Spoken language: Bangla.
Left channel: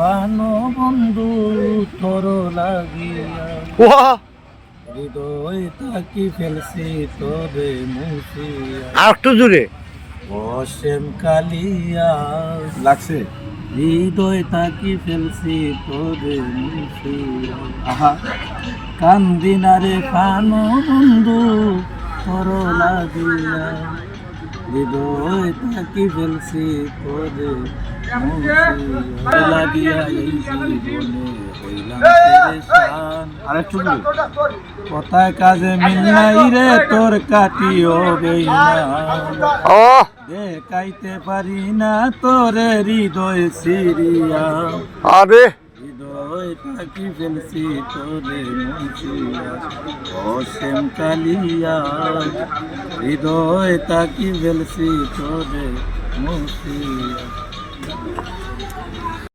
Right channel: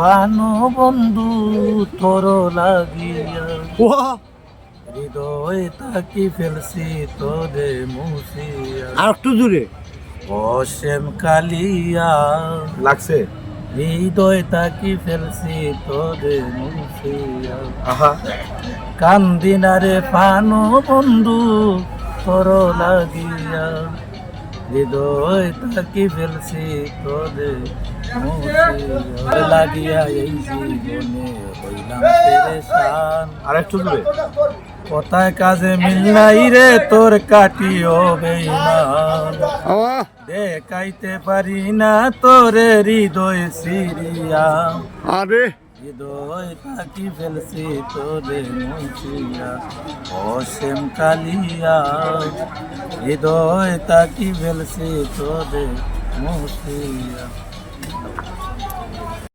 পানো বন্ধু তোর লাগিয়া ওয়া হৃদয় তাকি ফেলছি তোরে মুছিয়া আর একটু জোরে অসীম কালিয়া লাগছে। হৃদয় তাকি ফেলছি তোরে মুছিয়া আহা কান্দিনারে পানো বন্ধু তোর লাগিয়া হৃদয় তাকি ফেলছি তোরে মুছিয়া লাগিয়া এই জীবনে হইলাম পেরেশান। আর একটু জোরে কোথায় কাজে মিল নাই রে তোর কাটিও বেইমান ও দেখাইতে পারি না তোরে হৃদয় সিরিয়া আরে হৃদয় তাকি ফেলছি তোরে মুছিয়া অসীম কালিয়া হৃদয় তাকি ফেলছি তোরে মুছিয়া